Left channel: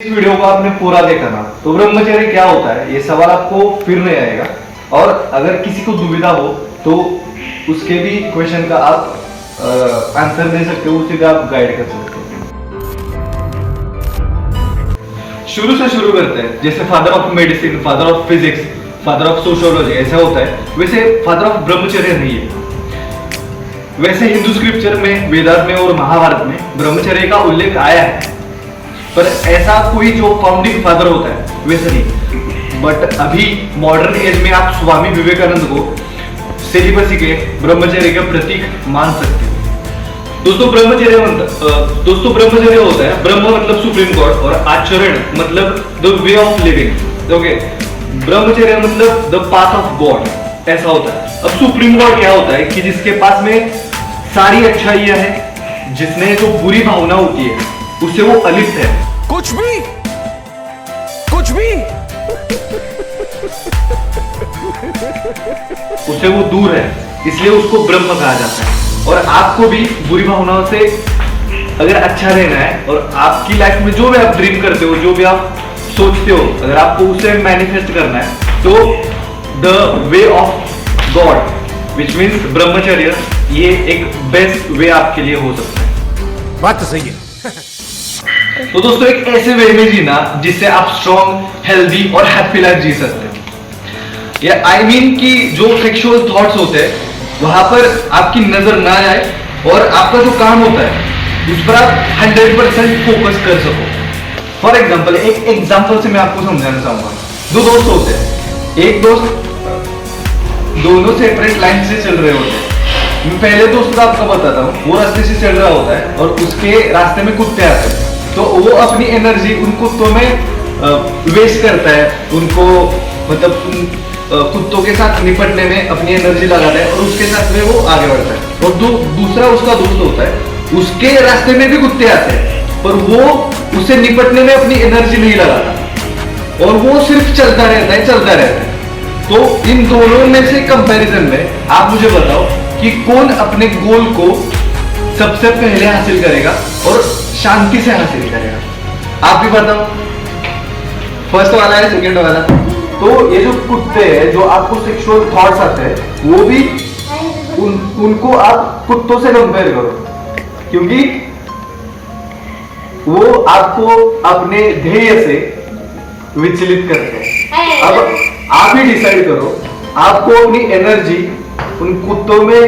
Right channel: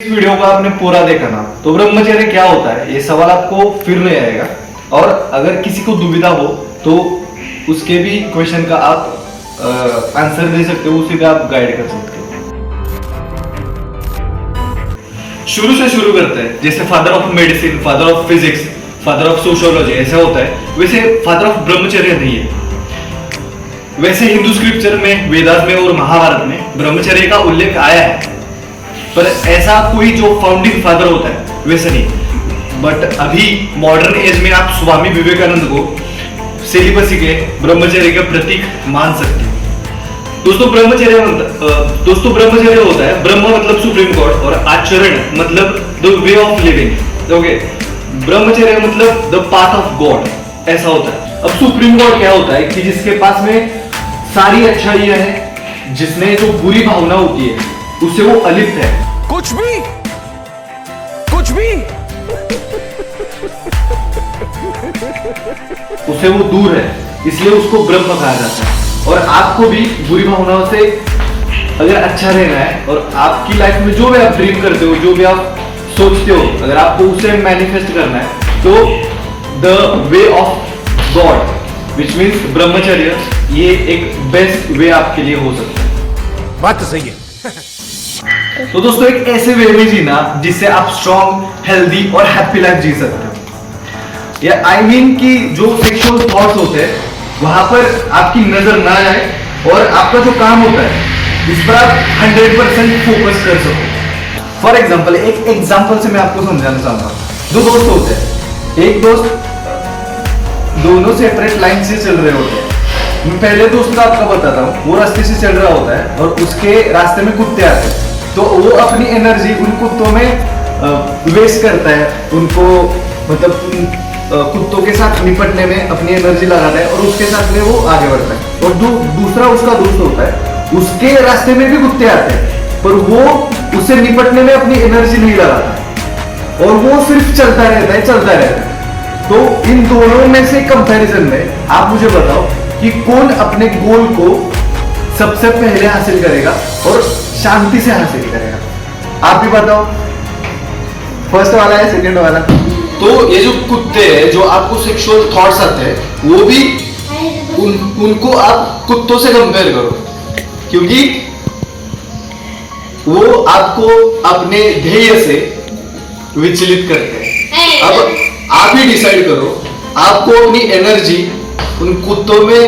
इस वीडियो को आपने पूरा देखा ना तो ब्रह्मचर्य क्या होता है ये सवाल आपको फिर नहीं आएगा। और अगर किसी को दुविधा हो तो उसके भी क्वेश्चन का आप आंसर दे सकते हो, उसे भी आप गाइड कर सकते हो। शुरू से शुरू करते हैं। जैसे father of medicine, father of physics, father of sociology ऐसा होता है, वैसे फादर ऑफ ब्रह्मचर्य नहीं है। वैसे हिंदू स्क्रिप्चर में, वेदास में और महाभारत में ब्रह्मचर्य का उल्लेख आया है, पर ऐसा कोई जो फाउंडिंग फादर होता है वैसे नहीं। बट अभी मॉडर्न एज में आप स्वामी विवेकानंद को सेलिबसी के ब्रह्मचर्य का प्रतीक मान सकते हैं। दोस्तों ब्रह्मचर्य होता है, ब्रह्म मतलब सुप्रीम गॉड और आचरण मतलब the way of living. Okay, ब्रह्मचर्य मतलब द पाथ ऑफ गॉड, ऐसा होता है। अब सुप्रीम गॉड क्या होता है कि जिसके पास में सारी अच्छाइयां हैं, जिसने जो बुरी भावना होती है उसे वो अलिप्त है, कुछ भी उससे वो दूर है, इसलिए उसको ब्रह्म कहा जाता है। और आपको भी बुरी भावनाओं से अगर अच्छा रहना है और आपकी लाइफ में जो भी आप ड्रीम करते हो, जो भी आप सोचते हो, अगर आपको उसे मैनिफेस्ट करना है तो the way of God which means ब्रह्मचर्य, ये एक बेस्ट वे आपके लिए हो सकता है। बात तो सही है। तो दोस्तों एक ऐसे वे में जीना जिससे आप स्ट्रॉन्ग, हेल्दी और हैप्पी लाइफ जी सकते हैं। या आई मीन कि जो सेक्सुअल थॉट्स होते हैं वहां पर आपकी नजर ना जाए और आपका जो काम होता है उस पर आप 100% फोकस कर सको। फॉर एग्जांपल, एक एग्जांपल से मैं आपको समझाना चाहूंगा। दो दोस्त होते हैं, एक दोस्त दोनों सेपरेट लाइन से चल रहे होते हैं। पहले दोस्त का आपको बताता हूँ, वो रास्ते से चल रहा होता है और उसके रास्ते में कुत्ते आते हैं, तो वो अपनी एनर्जी उन कुत्तों में वेस्ट करता है। उनको मतलब कुत्तों के साथ निपटने में अपनी एनर्जी लगाता है और उसके साथ में वो आगे बढ़ता है। और जो दूसरा उसका दोस्त होता है, उसके रास्ते में भी कुत्ते आते हैं पर वो उससे निपटने में अपनी एनर्जी नहीं लगाता और वो सिर्फ चलता रहता है। तो इन दोनों में से कंपैरिजन में आप मुझे बताओ कि कौन अपने गोल को सबसे पहले हासिल करेगा और शांति से हासिल करेगा? आप भी बताओ, फर्स्ट वाला है सेकंड वाला? तो ये जो कुत्ते हैं, जो आपको सेक्सुअल थॉट्स आते हैं, वो भी उनको आप कुत्तों से कंपेयर करो, क्योंकि वो आपको अपने ध्येय से विचलित करते हैं। अब आप ही डिसाइड करो, आपको अपनी एनर्जी उन कुत्तों में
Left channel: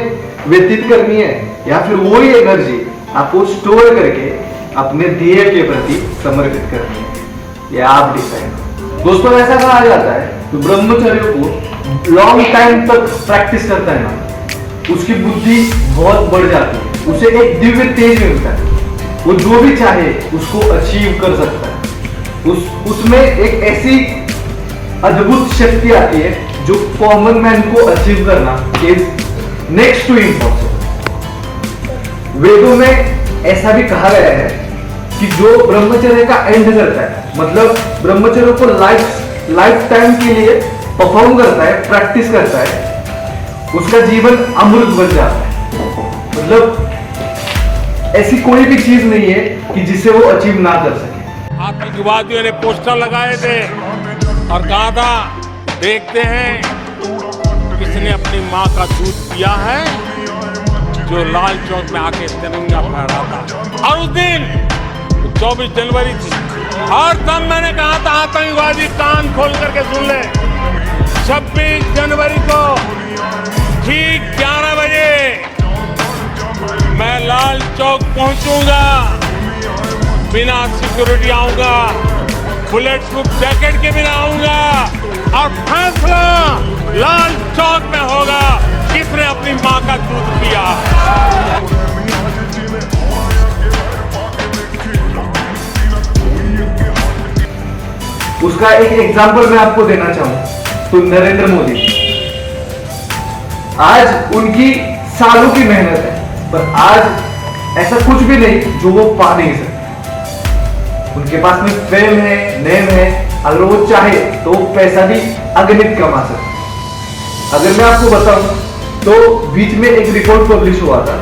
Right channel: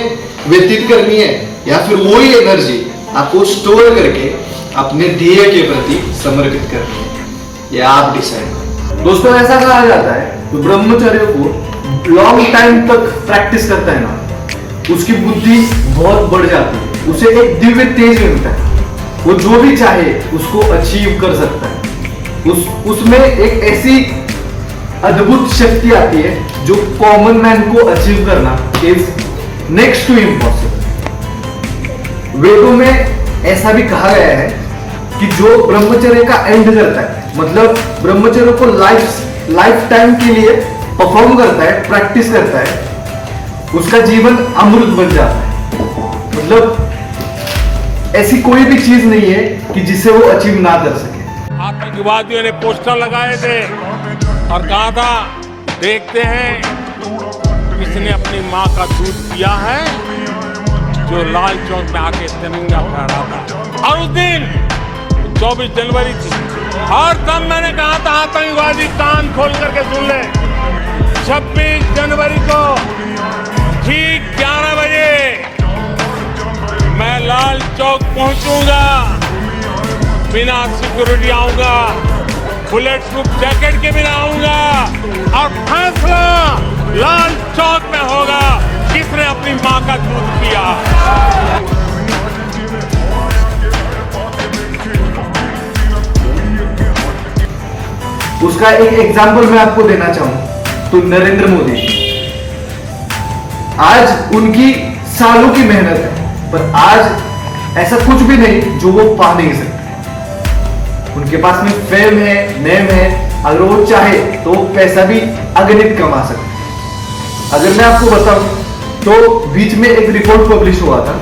व्यतीत करनी है या फिर वही एनर्जी आपको स्टोर करके अपने ध्येय के प्रति समर्पित करनी है, ये आप डिसाइड। दोस्तों ऐसा कहा जाता है ब्रह्मचर्य को लॉन्ग टाइम तक प्रैक्टिस करता है ना, उसकी बुद्धि बहुत बढ़ जाती है, उसे एक दिव्य तेज मिलता है, वो जो भी चाहे उसको अचीव कर सकता है। उसमें एक ऐसी अद्भुत शक्ति आती है जो कॉमन मैन को अचीव करना इज नेक्स्ट टू इम्पॉसिबल। वेदों में ऐसा भी कहा गया है कि जो ब्रह्मचर्य का एंड करता है, मतलब ब्रह्मचर्य को लाइफ टाइम के लिए परफॉर्म करता है, प्रैक्टिस करता है, उसका जीवन अमृत बन जाता है। मतलब ऐसी कोई भी चीज नहीं है कि जिसे वो अचीव ना कर सके। आतंकवादियों ने पोस्टर लगाए थे और कहा था, देखते हैं किसने अपनी माँ का दूध पिया है, जो लाल चौक में आके तिरंगा फहराता। और उस दिन 24 जनवरी थी, हर दम मैंने कहा था आतंकवादी कान खोल करके सुन ले, 26 जनवरी को ठीक 11 बजे मैं लाल चौक पहुंचूंगा, बिना सिक्योरिटी आऊंगा, बुलेट प्रूफ जैकेट के बिना आऊंगा और फैसला लाल चौक में होगा किसने अपनी माँ का दूध पिया। उसका एक एग्जांपल मैं आपको देना चाहूंगा, तो नरेंद्र मोदी, आज उनकी सालों की मेहनत है पर आज ऐसा कुछ भी नहीं जो वो पा नहीं सकते। उनके पास में फेम है, नेम है, अगर वो चाहे तो वो पैसा भी अगणित कमा सकते। अगर मैं आपको बताऊं तो बीच में एक रिपोर्ट पब्लिश हुआ था,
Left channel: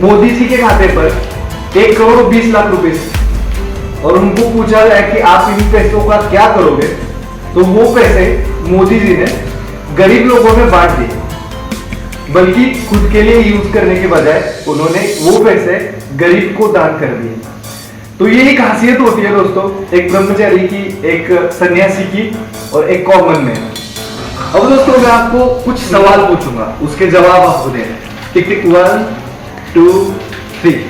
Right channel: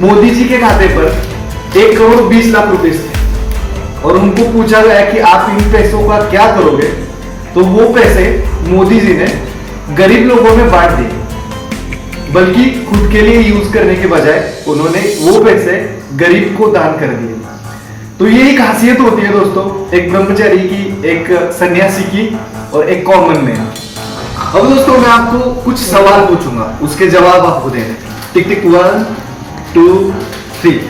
मोदी जी के खाते पर 1 करोड़ 20 लाख रुपए और उनको पूछा गया कि आप इन पैसों का क्या करोगे, तो वो पैसे मोदी जी ने गरीब लोगों में बांट दिए, बल्कि खुद के लिए यूज करने के बजाय उन्होंने वो पैसे गरीब को दान कर दिए। तो ये एक खासियत होती है दोस्तों, एक ब्रह्मचारी की, एक सन्यासी की और एक कॉमन में। अब दोस्तों मैं आपको कुछ सवाल पूछूंगा, उसके जवाब आपको दें। टिक टिक 1 2 3।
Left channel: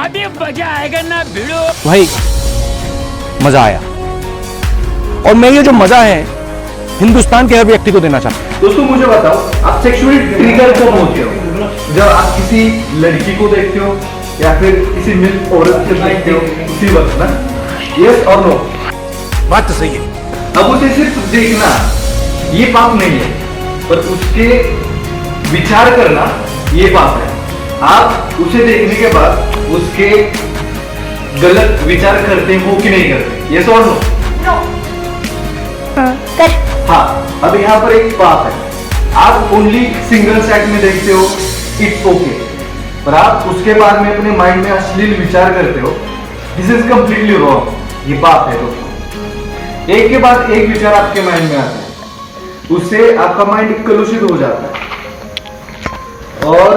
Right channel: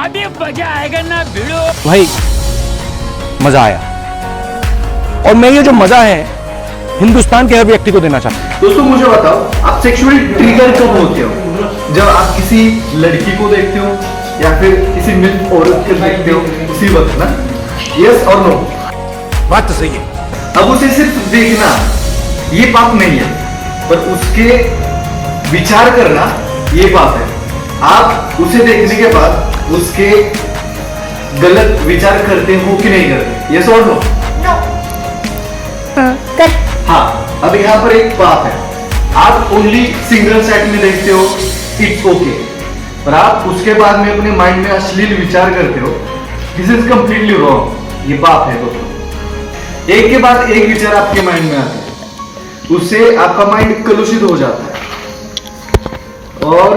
अभी मजा आएगा ना भिड़ो। भाई मजा आया, और मैं ये जो मजा है हिंदुस्तान के हर व्यक्ति को देना चाहता हूँ। दोस्तों मुझे बताओ, आप सेक्सुअल ट्रिगर कब होते हो? जब आप किसी लड़की को देखते हो या फिर किसी मिल्क को देखते हो, किसी वक्त ना? यस और नो? बात तो सही है। अब उसे सिर्फ देखना ये बात नहीं है, पर उसके विचार करना ये बात है। आप उसे देखने के बाद उसके गलत विचार करते हो कि नहीं करते? यस और नो? हाँ, अब यहाँ पर एक बात है, आप ओनली सिंगल चैट में देखते हो, इट्स ओके, और आप उसके बाद में अपने माइंड में अश्लील विचार करते हो, दिस इज कंप्लीटली रॉन्ग। ये बात है, एक के बाद एक विचार आपके माइंड में आता है, उससे आपका माइंड कलुषित हो जाता है, और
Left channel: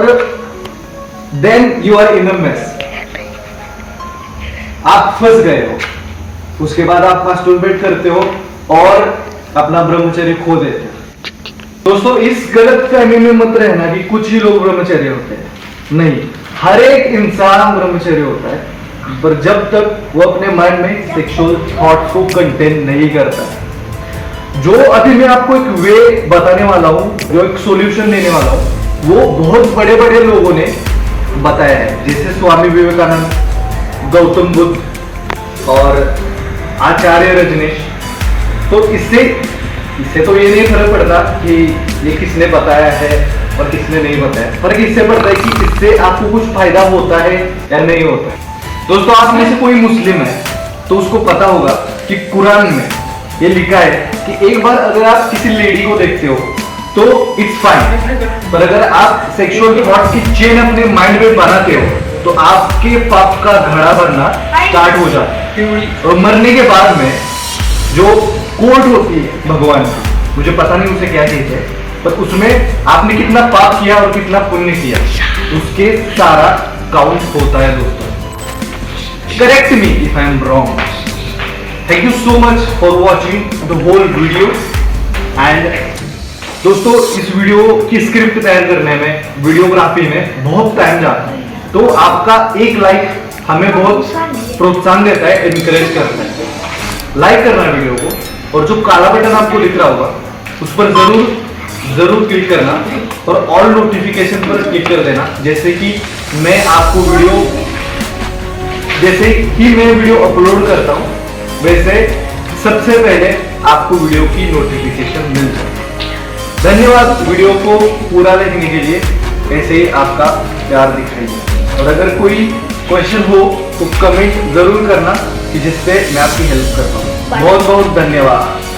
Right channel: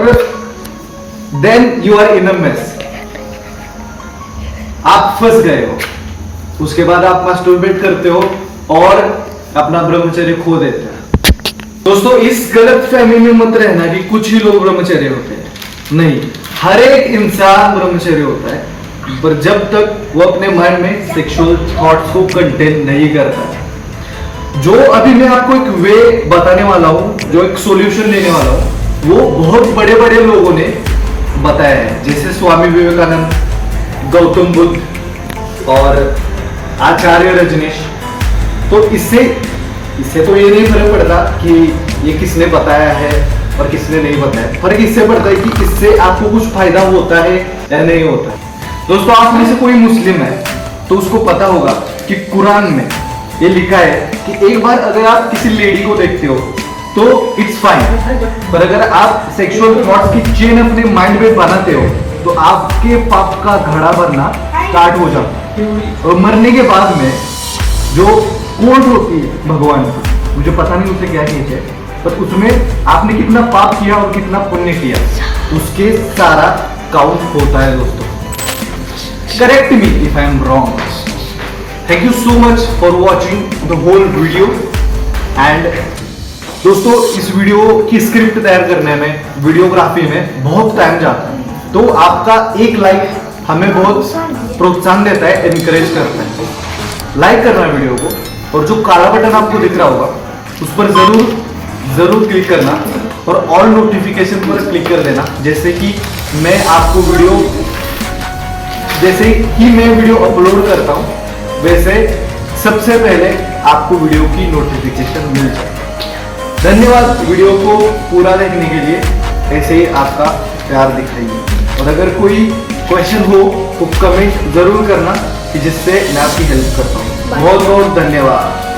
then you are in a mess, आप फंस गए हो। उसके बाद आप मास्टरबेट करते हो और अपना ब्रह्मचर्य खो देते हैं। दोस्तों इस गलत फहमी में मत रहना कि कुछ ही लोग ब्रह्मचर्य होते हैं, नहीं, हर एक इंसान ब्रह्मचर्य होता है, पर जब तक वो अपने माइंड में सेक्सुअल थॉट्स को कंटेन नहीं करता। जो अभी मैं आपको एक वे बताने वाला हूँ, जो एक सॉल्यूशन देने वाला हूँ, वो बहुत बड़े बड़े लोगों ने बताया है, जैसे स्वामी विवेकानंद, गौतम बुद्ध और आचार्य रजनीश। तो इससे तो ये नहीं फर्क पड़ता कि ये किसने बताया है और किसने नहीं बताया, पर इससे पड़ता है कि इससे आपको कुछ फायदा होता है या नहीं होता है। दोस्तों आप में से कोई मुस्लिम है तो उसको पता होगा कि कुरान में ये लिखा है कि एक बार अगर आप किसी लेडी को देखते हो तो इट्स फाइन, पर अगर आप सेक्सुअल थॉट्स की चेन अपने माइंड में बनाते हो तो आपके पाप का घड़ा बनना स्टार्ट हो जाता है, और मरने के बाद में जो कोर्ट होती है भगवान, मुझे पता नहीं उसे क्या कहते हैं, पर उसमें आपने कितना पाप किया और कितना पुण्य किया, उसके सारा काउंट होता है दोस्तों। Correct me if I am wrong. Thank you so much for watching the whole video. And दोस्तों इस वीडियो की स्क्रिप्ट तैयार करने में, वीडियोग्राफी में बहुत टाइम जाता है, तो आपका एक लाइक हमें बहुत प्रोत्साहन देता है, एनकरेज करता है। लाइक करना वीडियो को, और जो काला बटन आपको दिख रहा होगा उस पर जरूर क्लिक करना, और ऑल नोटिफिकेशन पर क्लिक कर देना, जैसे कि मैं आपको वीडियो अपलोड करता हूँ वैसे सबसे पहले आपको वीडियो की नोटिफिकेशन मिलेगी। धन्यवाद वीडियो को पूरा देखने के लिए, ऐसे ही आपका प्यार दिखेगा। अगर कोई क्वेश्चन हो तो कमेंट जरूर करना, जिससे मैं आपकी हेल्प कर पाऊँ। बहुत बहुत धन्यवाद।